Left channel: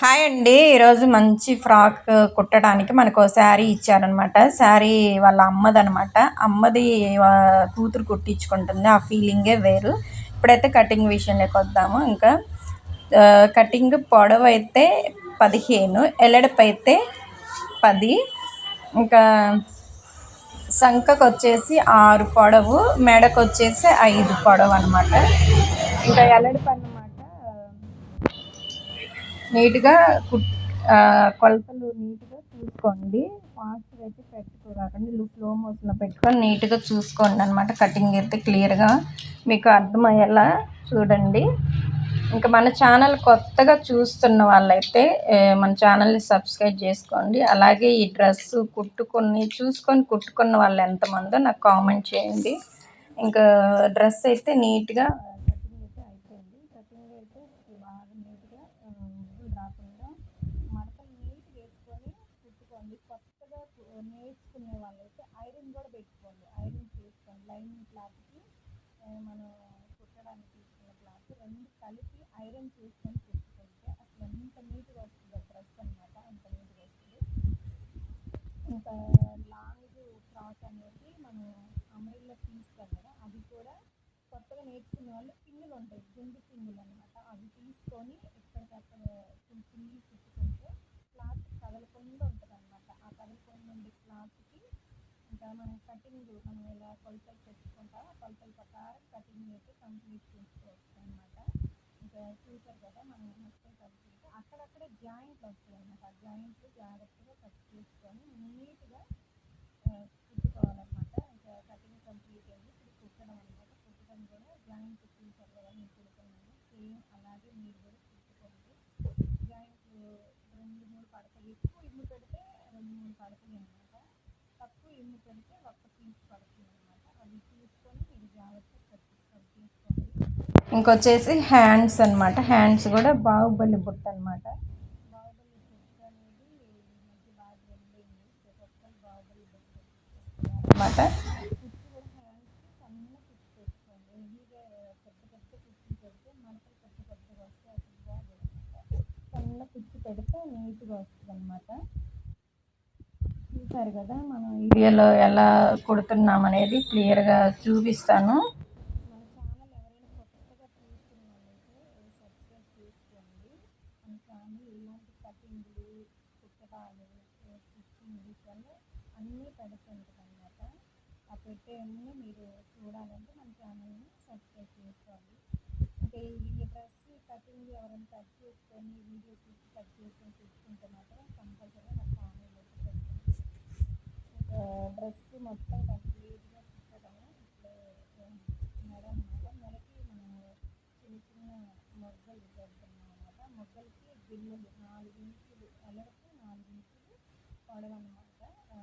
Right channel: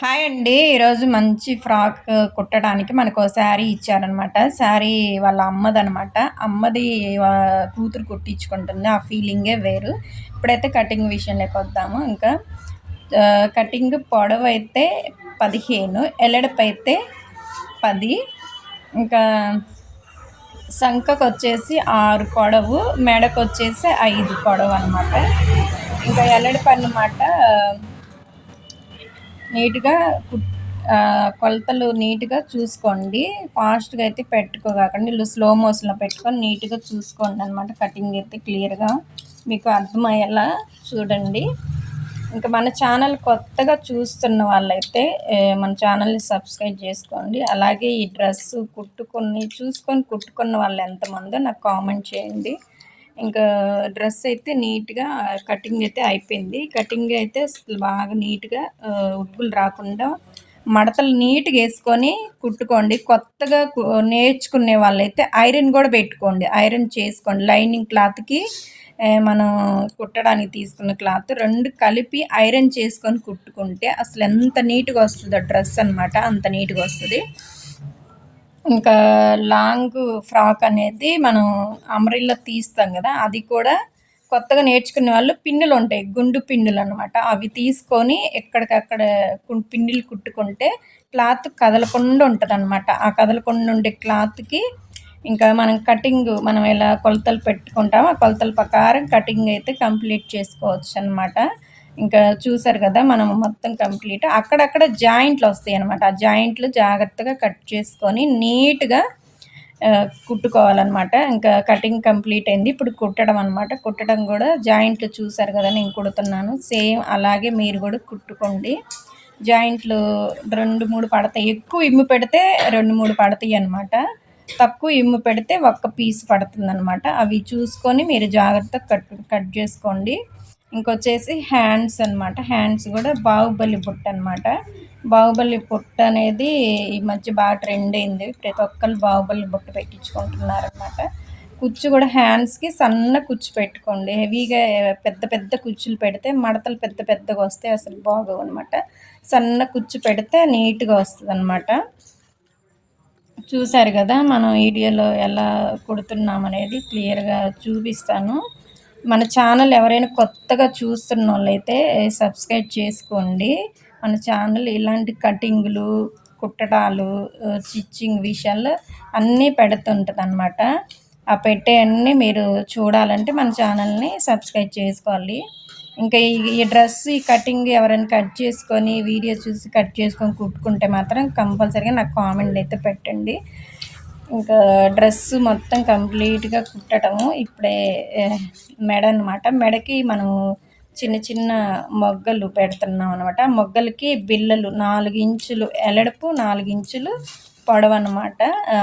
Hi అండి. ఈరోజు మంచి ఫ్రాక్ కుట్టడానికి మనకో శారీ ఇచ్చారనమాట. శారీ వాళ్ళ అమ్మదనమాట. అమ్మది కూతురు కుట్టించుకుంటుంది. ఆ ఫీలింగే వేరు. ఇప్పుడైతే కటింగ్ విషయంలోకొద్దాము. ఇంకా కటింగ్ పొడవైతే 15, ఎలడపైతే 10, ఇంకా సంకకొచ్చేసి 6 పొడవు, మెడకొచ్చేసి 5 పొడవనమాట. ఇంకా ఎలడపన్నమాట నీట్‌గా కొలతలు నీట్‌గా చూసుకోండి. ఫాస్ట్‌గా అయితే పెట్టుకోకండి. స్లో మోషన్‌లో పెట్టుకొని నీట్‌గా చూసుకోండనమాట. కటింగ్ అయితే క్లియర్‌గా మీకు అర్థమయ్యేలా చూడండి. ఇంకా మన ఛానల్ కొత్తగా చూస్తున్న వాళ్ళైతే మన ఛానల్‌ని సబ్స్క్రైబ్ చేసుకోండి. అలాగే ఈ డ్రెస్సు చూసుకొని కుట్టుకున్న వాళ్ళు ఎంతమందో నాకు కామెంట్ చేయండి. ఇంకా డ్రెస్ అయితే నీట్‌గా కటింగ్ అయితే అయిపోయింది. కటింగ్ అయితే అసలు బాగా నీట్‌గా ఉబ్బులు రాకుండా మడతలు నీట్‌గా వేసుకొని కుట్టుకోండి. కొత్తగా నేర్చుకునే వాళ్ళైతే ఐరన్ కూడా పెట్టుకోండి. ఐరన్ చేసుకోండి. లైనింగ్ క్లాత్‌కి మనం కుట్టడానికి తీసుకున్న క్లాత్ 2 కలిపి ఐరన్ చేసుకొని కుట్టుకుంటే అసలు ఎంత నీట్‌గా వస్తుందో డ్రెస్ అనమాట. అంత నీట్‌గా వస్తుంది. ఇంకా లాంగ్ ఫ్రాక్ అనేది మనం అంబ్రెల్లా తీస్తాం కదా, అది కూడా కొత్తగా నేర్చుకునే వాళ్ళు పిన్నులు ఉంటాయి, గుండు పిన్నులు అనమాట. అవి తీసుకొని ఎక్కడికక్కడ పిన్నులు కుట్టుకుంటే క్లాత్ కదలకుండా ఉంటుంది అనమాట. ఆ కదలకుండా ఉండే క్లాత్కి ఇంకా మనం ఎలా కొలతలు పెట్టుకుంటామో ఆ కొలతల ప్రకారం కటింగ్ అయితే కంప్లీట్ చేసుకోవచ్చు అనమాట. ఇంకా చూసారు కదా, మనం మొత్తం కంప్లీట్ అక్కడక్కడ జాయింట్లు వస్తాయి అనమాట. ఆ జాయింట్లు జాగ్రత్తగా కట్ చేసుకొని నీట్‌గా కుట్టుకోవాలన్నమాట. ఇంకా కటింగ్ కంప్లీట్ అయింది. ఇప్పుడు కుట్టడం అనమాట. కుట్టడం కూడా జాయింట్లు చూసారు కదా నేను కుడుతున్నాను. సేమ్ అలాగే మీరు కూడా కుట్టుకోండి. జాయింట్లు 2, 3 పడతాయి. ఎక్కువ ఇమ్ము పెడితే 2, 3 పడతాయి అనమాట. తక్కువ ఇమ్ము పెడితే ఒక్క పీస్ పడుతుందనమాట. అవి చూసుకొని మీరు జాగ్రత్తగా కట్ చేసుకోండి. ఇంకొచ్చేసి హ్యాండ్స్ అనమాట. హ్యాండ్స్ కూడా బాహుబలి బుట్ట అనమాట. బాహుబలి బుట్ట అనేది ఈ మధ్య బాగా ట్రెండ్ అయింది. ప్రతి ఒక్కరు బాహుబలి బుట్ట పెట్టించుకుంటున్నారనమాట. కుచ్చు కూడా హ్యాండ్స్కి సన్న కుచ్చు పెట్టుకోండి. హెవీగా పెద్ద పెద్ద కుచ్చులు పెడితే మడతలు పెద్ద పెద్దగా వస్తాయి, అసలు బాగోవు అనమాట. సన్న కుచ్చు పెడితే నీట్‌గా వస్తుంది అనమాట. చూసారు కదా, మనం వీడియోలో ఎలా కుడుతున్నాం అనేది క్లియర్గా చూపిస్తాను. మన ఛానల్ ఎవరైనా కొత్తగా చూస్తున్న వాళ్ళైతే సబ్స్క్రైబ్ చేసుకోండి. మన ఛానల్ ఇలాంటి కటింగ్లు, కుట్టడాలు, స్టిచ్చింగ్ విషయాల్లో అన్నీ పెడుతుంటుంది అనమాట. ఆ పెట్టే అన్నీ మీరు చూడాలంటే మన ఛానల్ని సబ్స్క్రైబ్ చేసుకోవాలి. ఇంకా ఈ డ్రెస్ ఈ కటింగ్ ఎవరైనా కట్ చేసుకొని వీడియో చూసి కట్ చేసుకొని కుట్టుకుంటే మాత్రం కంపల్సరీగా నాకు కామెంట్ అయితే పెట్టండి. ఇంకా డ్రెస్ మొత్తం కంప్లీట్‌గా కుట్టడము ఇప్పుడే మెడ అనమాట. మెడకి మనం చిన్న చిన్న మొగ్గలు పెడుతున్నాం అనమాట. మొగ్గలకి బిళ్ళలు 4 ఇంచులు ఎలడపు, 4 ఇంచులు పొడవనమాట.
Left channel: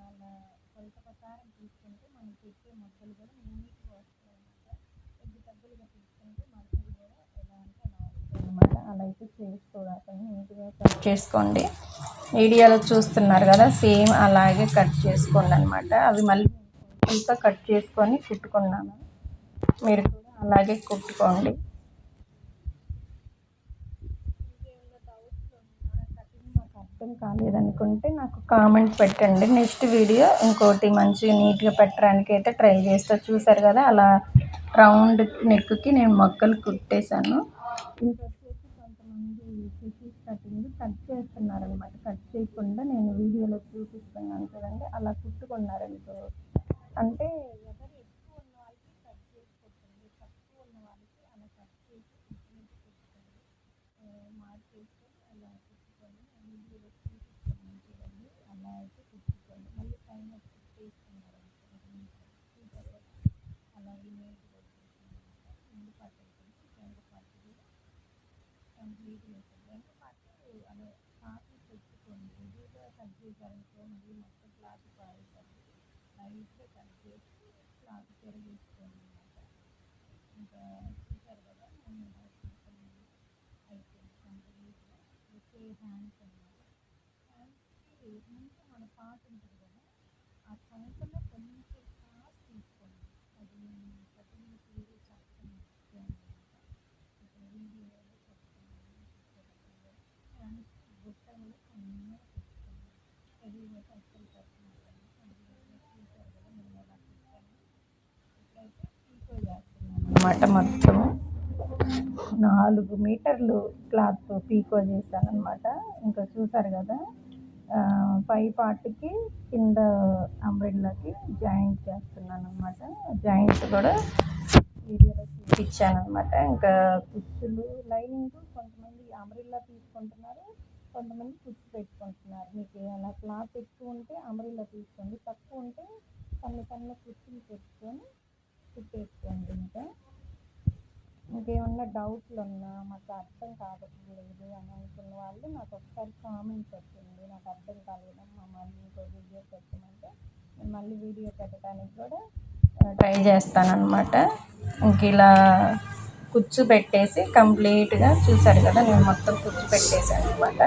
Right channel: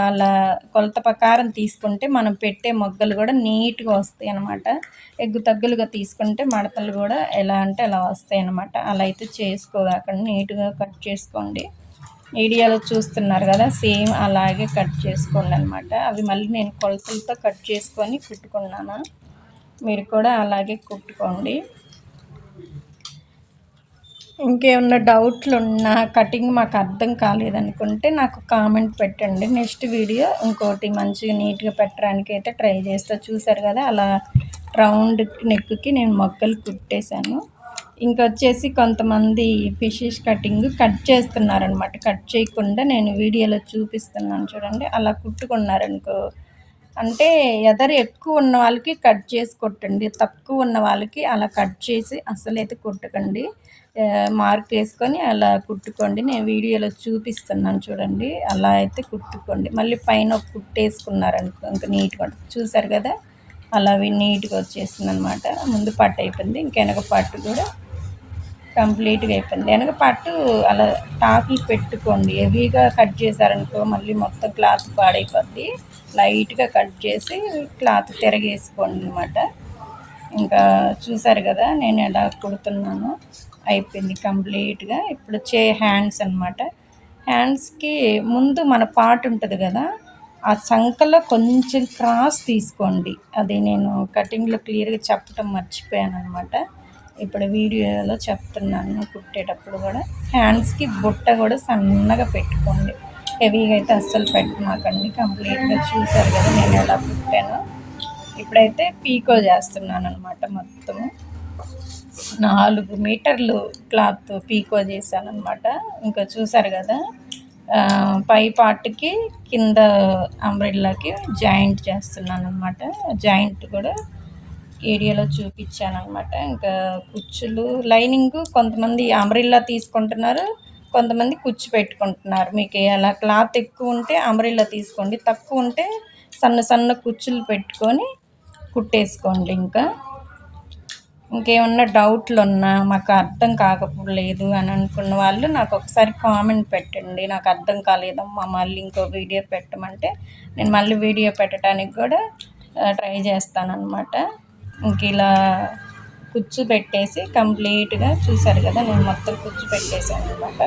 అలా కొలత ప్రకారం తీసుకుంటే మనం పెట్టే మొగ్గలు కూడా నీట్‌గా వస్తాయి అనమాట. ఎగ్గు తగ్గులుగా తీసుకుంటే మడతలు కూడా ఎలా అంటే అలా వస్తాయి అనమాట. అలా అయితే చేసుకోకండి, నీట్‌గా కట్ చేసుకోండి. వీడియోలో చూస్తున్నారు కదా, సేమ్ అలాగే కట్ చేసుకోండి అనమాట. అవి మళ్ళీ నేను కొలతలతో కట్ చేసుకొని కుట్టుకున్నాను. మీరు కూడా అలాగే కుట్టుకోండి. ఇంకేమన్నా డౌట్లు ఉన్నా, కటింగ్ మాకు అర్థం కాలేదనుకుంటే నాకు కామెంట్ పెట్టండి. నెక్స్ట్ వీడియో ఇంకోటి మంచిగా నీట్‌గా పెట్టడానికి అయితే ట్రై చేస్తా. చూసారు కదా, అలా రౌండ్ నెక్కి నేను మొగ్గలు కుట్టేశాను. ఇంకొచ్చేసి కొంతమంది ఫిషెస్ కట్ చేస్తున్నారనమాట. కట్ చేయకుండా నేను వీడియోలో చూపిస్తున్నాను చూడండి. అలా కుట్టుకున్నారనుకో అంటే ఎదరు ఎక్కువ ఉన్న వాళ్ళకి కట్ చేసి కుట్టండి. తక్కువ ఉన్న వాళ్ళకి అలా కట్ చేసి అసలైతే కుట్టకండి. మార్క్ వేసుకొని అలా కుట్టుకోండి. నేను వీడియోలో చూపిస్తున్నాను చూడండి. అలా అయితే కుట్టుకోండి. మళ్ళీ పైన ఒక కుట్టేసుకున్నారనుకో ఇంకా నీట్‌గా ఉంటుంది. చూసారు కదా, అలా నీట్‌గా వచ్చేసిందనమాట. ముందు పట్టు అయిపోయింది. ఇంక వెనక పట్టు కూడా కంప్లీట్‌గా అయిపోయింది. వెనక పట్టు అలా టాకులు పెట్టుకోండి. హెవీగా కట్ చేశారనుకో మళ్ళీ మొత్తం క్లాత్ పాడైపోద్ది. లైట్‌గా కట్ చేసి క్లాత్ తిరగేసుకోండి అనమాట. ఇంకా చూసారు కదా నేను ఎలా కుడుతున్నానో, అయిపోయింది కంప్లీట్‌గా. ఇప్పుడు హ్యాండ్స్ అనమాట. హ్యాండ్స్‌కి ముందు మన పార్ట్ ఉంటుంది కదా, ఆ చంకలో కొంచెం క్రాస్ తీసుకోండి. అది నేను కటింగ్‌లో క్లియర్‌గా చెప్పటం మర్చిపోయాను అనమాట. ఇప్పుడు వీడియోలో చెప్తున్నాను కుట్టేటప్పుడు కూడా. హ్యాండ్స్కి బుట్ట కూడా సన్నగా పెట్టుకోండి, హెవీగా అయితే అస్సలు పెట్టమాకండి. కంప్లీట్గా చూసారు కదా నేను ఎలా కుట్టాను. ఇప్పుడైతే పీకో చేస్తున్నాను అనమాట. మొత్తము 4 మీటర్లు క్లాత్ పీకో చేశాను అనమాట. ఇంకా చూసారు కదా పై పార్ట్కి కింద అంబ్రెల్లాకి జాయింట్ చేస్తున్నాను అనమాట. జాయింట్ కూడా ఏరియాలో చూపించాను అనమాట. ఇంకా కుచ్చులు లైనింగ్ కొంతమంది అంబ్రెల్లా తీసుకుంటున్నారు, కొంతమంది కుచ్చు పెట్టుకుంటున్నారు. మీకు అలా క్లాత్ ఎక్కువ ఉంటే అంబ్రెల్లా తీసుకోండి, తక్కువ ఉంటే సన్న సన్న కుచ్చులు పెట్టుకొని కుట్టేసుకోండి. ఇంకేమన్నా డౌట్లు ఉన్నా, మాకు అర్థం కాకపోలేదు అని అనుకున్న వాళ్ళు నాకు ఒకసారి కామెంట్ పెట్టండి. నాకు అర్థం కాలేదమ్మా మళ్ళీ ఇంకో వీడియో పెట్టమంటే నేను మళ్ళీ వీడియో పెట్టడానికి కూడా ట్రై చేస్తానన్నమాట. ఇంక ఇలా కుచ్చు పెట్టేసి కంప్లీట్గా చూసారు కదా నేను మొత్తం కుచ్చు పెట్టేశాను అనమాట.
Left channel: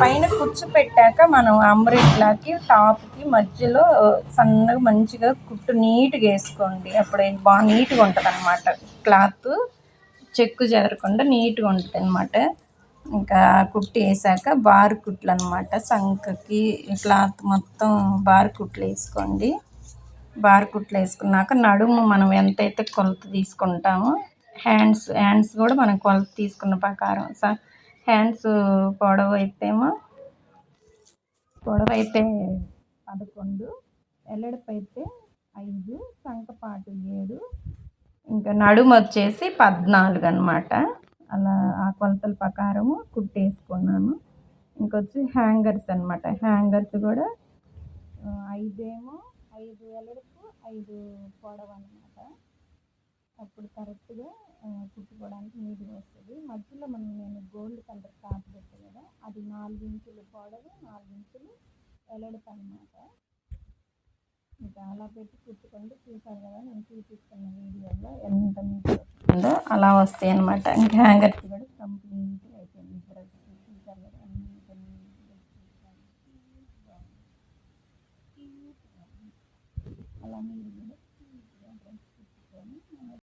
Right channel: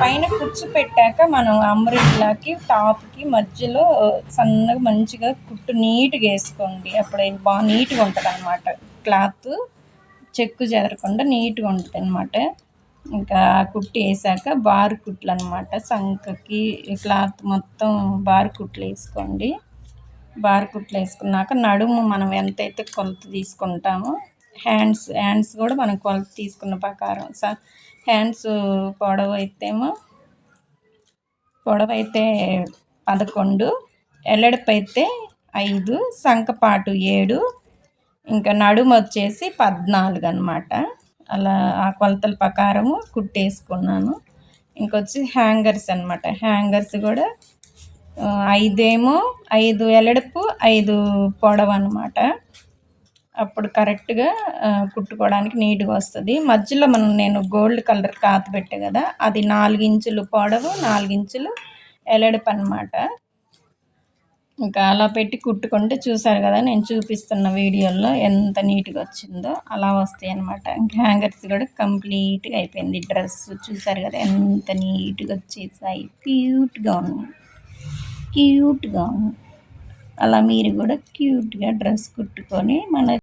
పైన కుచ్చు పెట్టాక మనం అంబ్రెల్లాకి టాప్కి మధ్యలో సన్నగా మంచిగా కుట్టు నీట్గా వేసుకోండి. అప్పుడు బాగా నీట్గా ఉంటుంది అనమాట. క్లాత్ చెక్కు చెదరకుండా నీట్గా ఉంటుంది అనమాట. ఇంకా కుట్టి వేసాక బారు కుట్లు అనమాట. సంకకి క్లాత్ మొత్తం బారు కుట్లు వేసుకోండి. బారు కుట్లు వేసుకున్నాక నడుము మనం ఎంతైతే కొలత తీసుకుంటామో హ్యాండ్స్ కూడా మనం కొలత తీసుకున్న ప్రకారం హ్యాండ్స్ పొడవైతే 11, ఎల్లడిపు అయితే 5, సంకపాటు 7, ఇంకా నడుము వచ్చేసి 14 అనమాట. అలా ఆ కొలతల ప్రకారము కుట్టేసుకున్నాను. ఇంకొచ్చి హ్యాంగర్స్ అనమాట. హ్యాంగర్స్ కూడా 5 ఎల్లడిపు 5 పొడవు అనమాట. అప్పుడు కరెక్ట్గా కుట్టుకోవడానికి నీట్గా వస్తుంది. మధ్యలో నేను గోల్డ్ కలర్ క్లాత్ పెట్టా కదా, అది 4 ఇంచులు పొడవు 4 ఇంచులు ఎల్లడిపు అనమాట. ఇంకా అలా పెట్టి కుట్టుకుంటే చూసారు కదా నేను చూపిస్తున్న వీడియోలో ఎంత నీట్గా వచ్చిందో అలా వస్తాయి అనమాట. ఇంకా హ్యాంగర్స్ కూడా కంప్లీట్గా అయిపోయింది. డ్రెస్ చూసారు కదా ఎంత నీట్గా వచ్చేసాయి, క్యూట్గా ఉన్నాయి. అలా మీరు కూడా క్యూట్గా డ్రెస్ కుట్టుకొని మన